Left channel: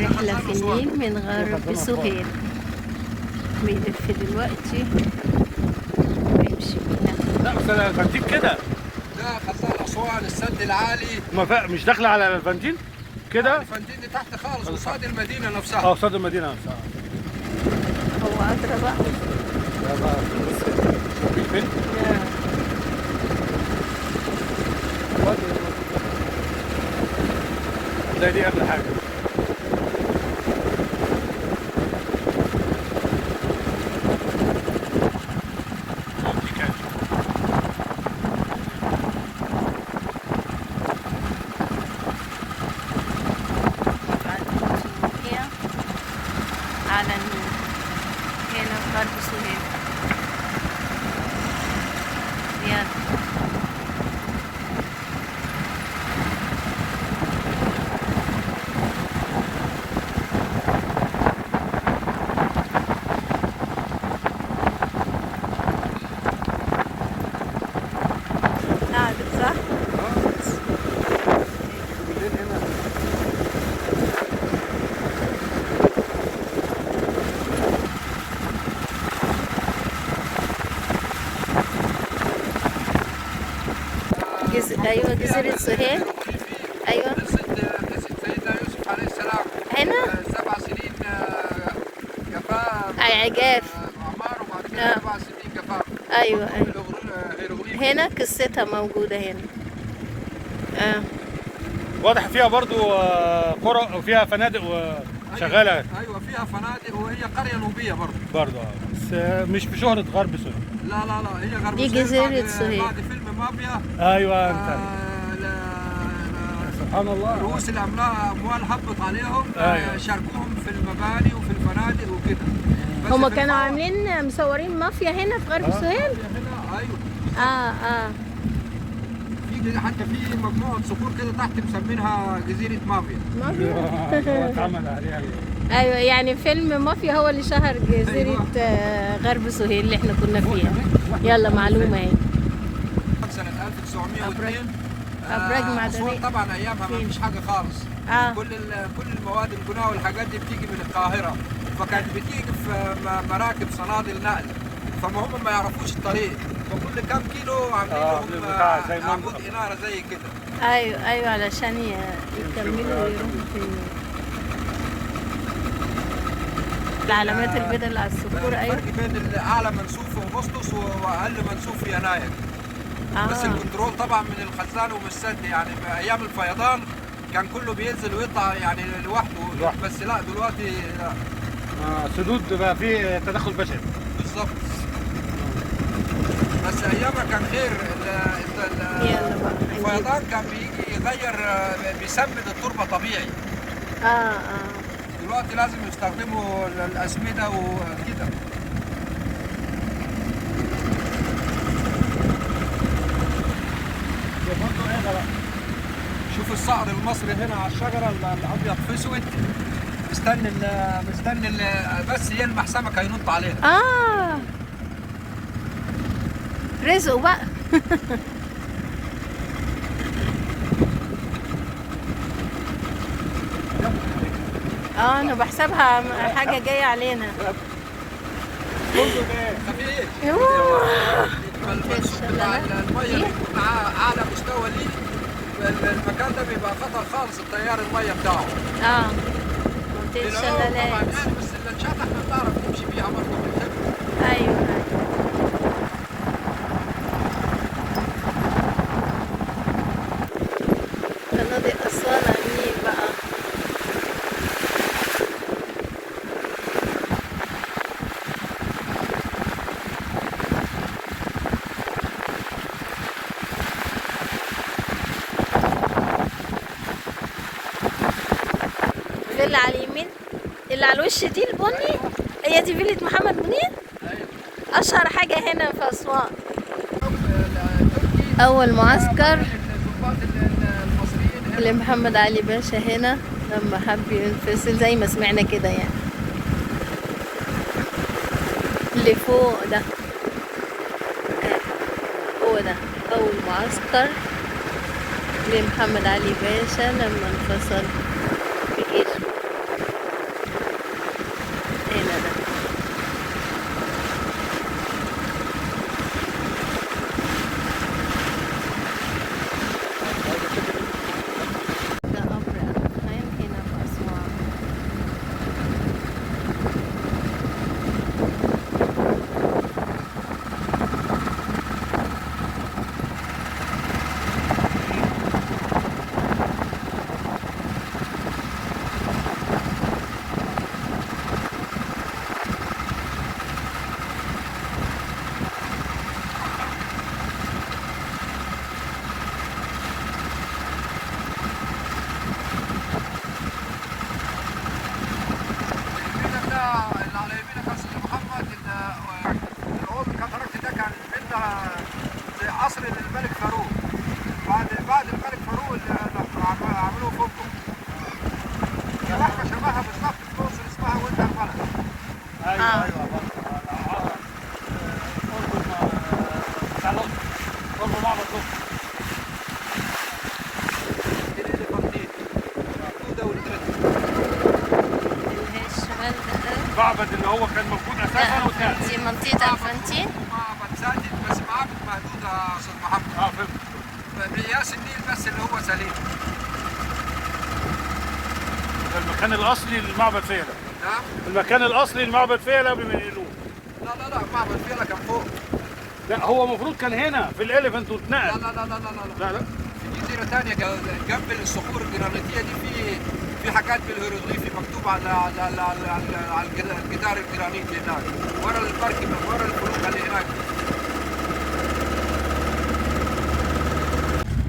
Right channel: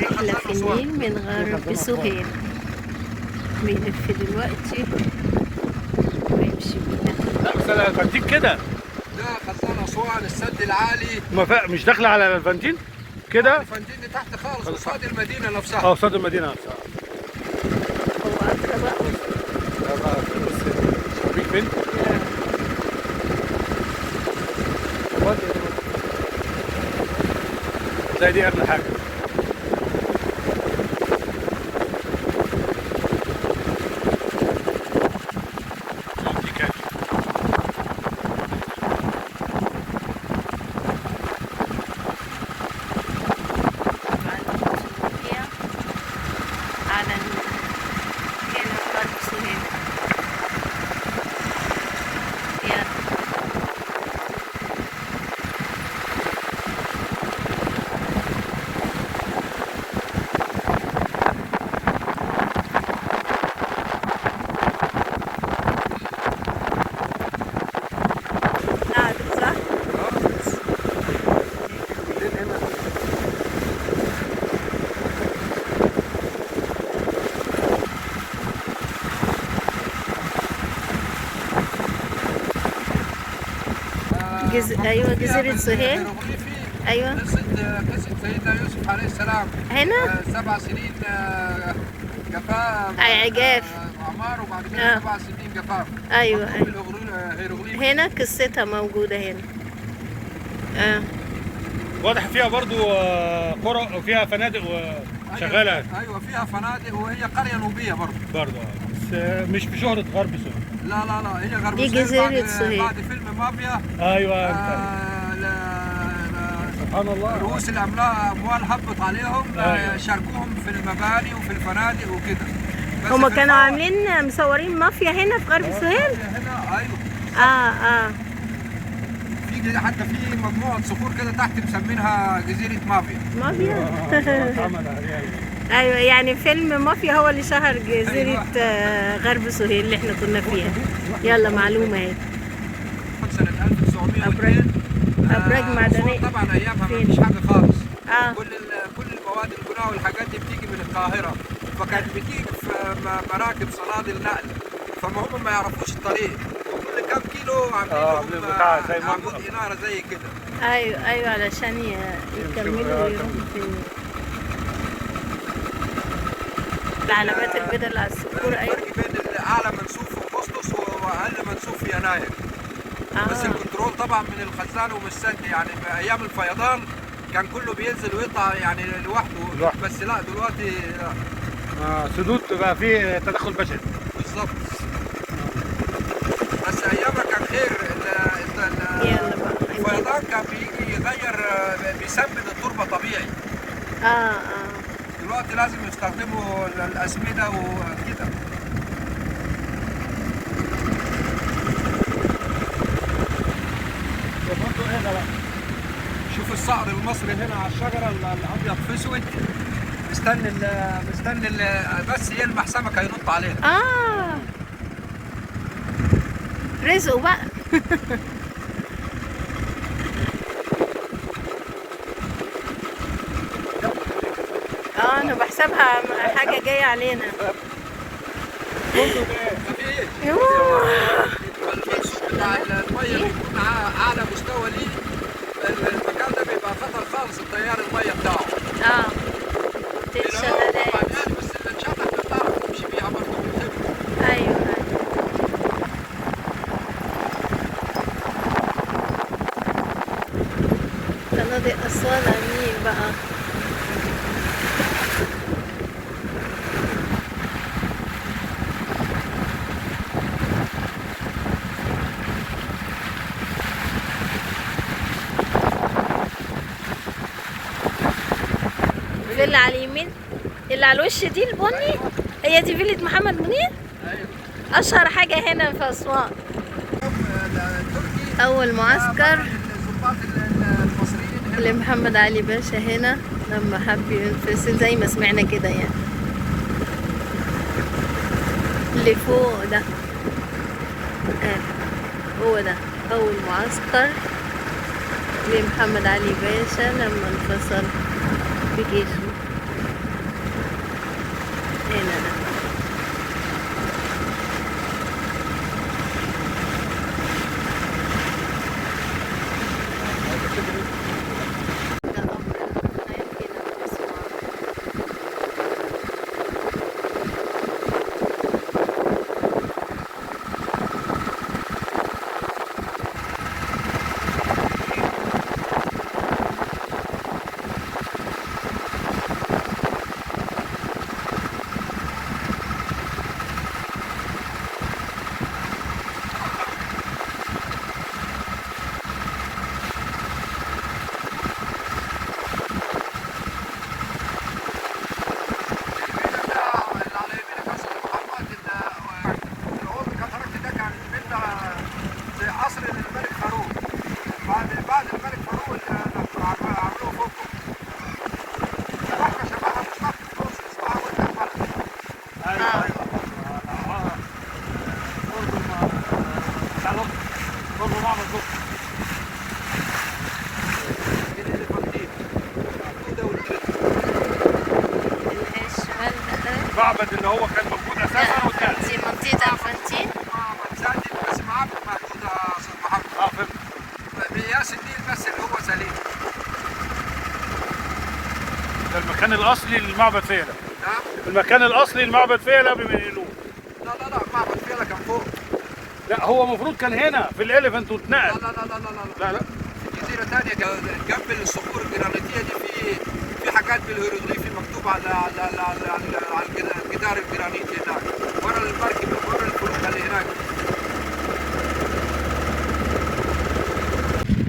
رحلة في النيل من غرب سهيل. بيلف دلوقتي ويمشي بينا. لا خلال الفنتين كده. لا خلصان أسوان السد العالي. مش داخله على الفنتين كده. الفنتين اللي تحت خالص وصاد المدينة نفسها. قصاد المدينه نفسها. هو أسرع بقى. فين؟ ده دي أغلى حاجة. على هنا غرب سهيل. يلا صح؟ ايوه جزيرة سهيل. ايوه قصة سيدنا يوسف عليه السلام. هنا 7 سنين جفاف. عجاف. عمار وبعد كده 4 سنين جفاف. ايوه هنا قصتها موجودة هنا. واضح فيها برضو قرى وفيها فنادق وشغالة. ايوه فيها فنادق وهي قرية نوبية برضو. بس مش في شهرة غرب سهيل. لا هي غرب دي جزيرة سهيل. بعد فيلم مافيا. ايوه سبحان الله. رؤوس الاموال هبط عليهم. شاركوهم في المباني وفي الفنادق وكده. هما كانوا عاملين مصورين مافيا هنا في غرب سهيل؟ هنا ايوه. في حتى في مجموعة صخور كده تحت مسمينها جزيرة مافيا. ايوه يعني فيلم مافيا هو اللي شهر جزيرة غرب سهيل اللي احنا كنا فيها. يلا معلومة اهي. سنة 1902 أبراج معدنية. طبعا ايامها ما فيش حاجة خالص. كل المواد البناء والحاجات دي بتيجي من القاهرة، فكانت بتيجي في مراكب صنادل نقل، فما هم ما يعرفوش الطريق، وكل كام كيلو عاملين عمود إنارة زي كده. ايوه علشان يكملوا ويروحوا في النيل. العلامات البيضاء اللي على الصخور. ايوه بين اعلى منسوب في اغسطس واقل منسوب في يناير. بس الكنترول طبعا من الخزان ومن السد، يعني في ايام الفيضان كان كله بينزل ويطلع يعني لوحده. بس لا دلوقتي لا. سدود بقى فيه تدخل بشري. بالظبط. بس ايامها كان خير. يلا بقى الفيضان كان بيجي يغير، بيسمد التربه طبيعي. دلوقتي لازم يستخدموا الاسمده وكده. شوف الصقر المصري هنا على الشجره الابيض في اسود، مستني بس يلمح سمكه ينط عليها. رزقه بقى. انا بحسبها حاجه جايه علينا. الميه اعلى مستوى ليه، المكان ده بيبقى خطر خالص التيار الميه بتاعه. منطقه شلالات. بس الانشطه بتعرف تمشي فيها برضه بالخبره. ايوه فنادق أسوان على النيل بقى. فيلا على اليمين اللي على الوش دي البني، هي دي فيلة محمد منير. أشهر حاجة هنا في أسوان. أول معسكر لمحمد علي باشا هنا لما حب ينفصل زي ما سمعنا كده يعني. اللي فوق ده هو ده أول معسكر لمحمد علي باشا لما انفصل بجيشه. اه برضه معبد جوه. اللي هي الشمال ده المعبد اللي هو كان موجود اساسا وكان دي منطقة الفانتين. بس معاكم محمود يا استاذ محمد. فهمت. مقياس النيل بس اللي هو سليم. ده المكان الاصلي للمعبد فيلة. نعم؟ المكان الاصلي للمعبد فيلة قبل ما ينقلوه. لا معبد فيلة كان فوق. لا هو المفروض كان هنا في الاليفنت واتنقل. لا في جزيرة ثانية جنب الصخور الجرانيتية دي في حاجات بالهيروغليفي مكتوب على الجدار الجرانيتي هناك ورا المركب ورا الفوجة اللي هناك.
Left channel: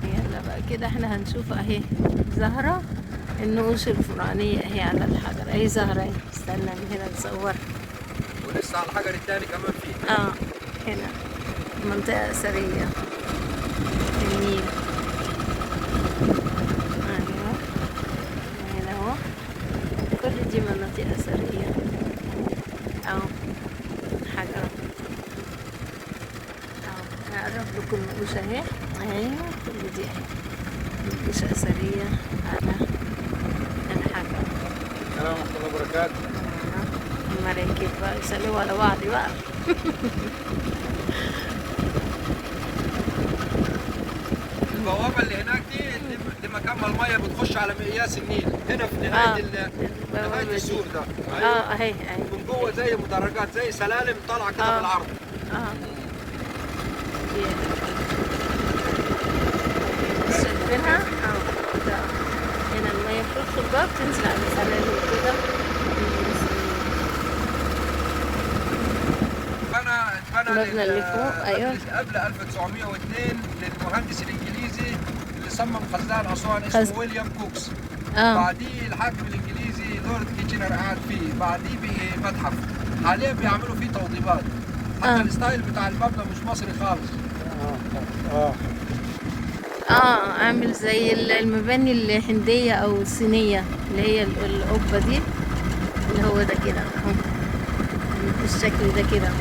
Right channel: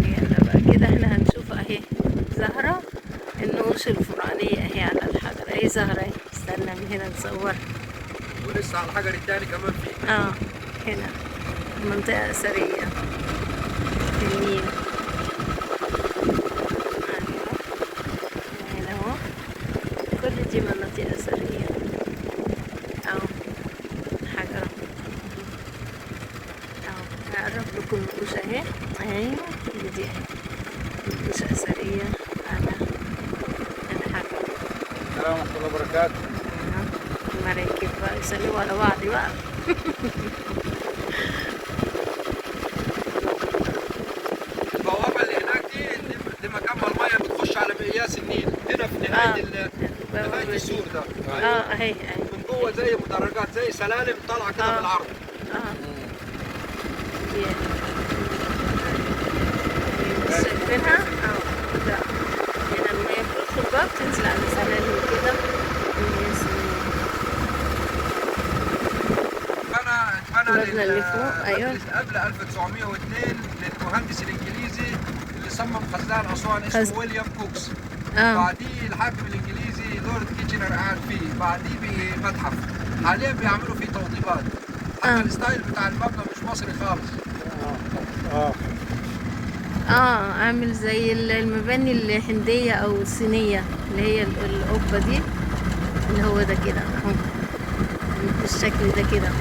يلا بقى كده احنا هنشوف اهي زهرة النقوش الفرعونية اهي على الحجر اهي زهرة اهي. استنى من هنا نصورها. ولسه على الحجر الثاني كمان في. هنا منطقة أثرية في النيل. أيوة هنا أهو كل دي مناطق أثرية أهو حجرة أهو. هقرب لكم النقوش أهي. أيوة كل دي أهي نقوش أثرية على الحجر. السلام ورحمة الله وبركاته. المراكب بقى يسلموا على بعض بقى. البوابة اللي هناك دي مكان ما المية بتخش على مقياس النيل هنا في نهاية نهاية السور ده. اهي من جوه زي مدرجات زي سلالم طالعة كده بالعرض. شايفينها؟ ده هنا المية بتدخل بقى بتنزل على سلالم كده. المبنى اللي فوق ايوه قبل 1902 للمهندس الانجليزي اللي صمم خزان اسوان اسمه ويليام كوكس. بعديه الحاكم الانجليزي لورد كيتشنر قاعد فيه. بعديه بمتحف حاليا بيعملوا فيه توضيبات. حتى الستايل بتاع المبنى مش مصري خالص. عامل زي المباني الهندية او الصينية اللي هي القبة دي اللي هو ده كده اهو بالشكل ده كده.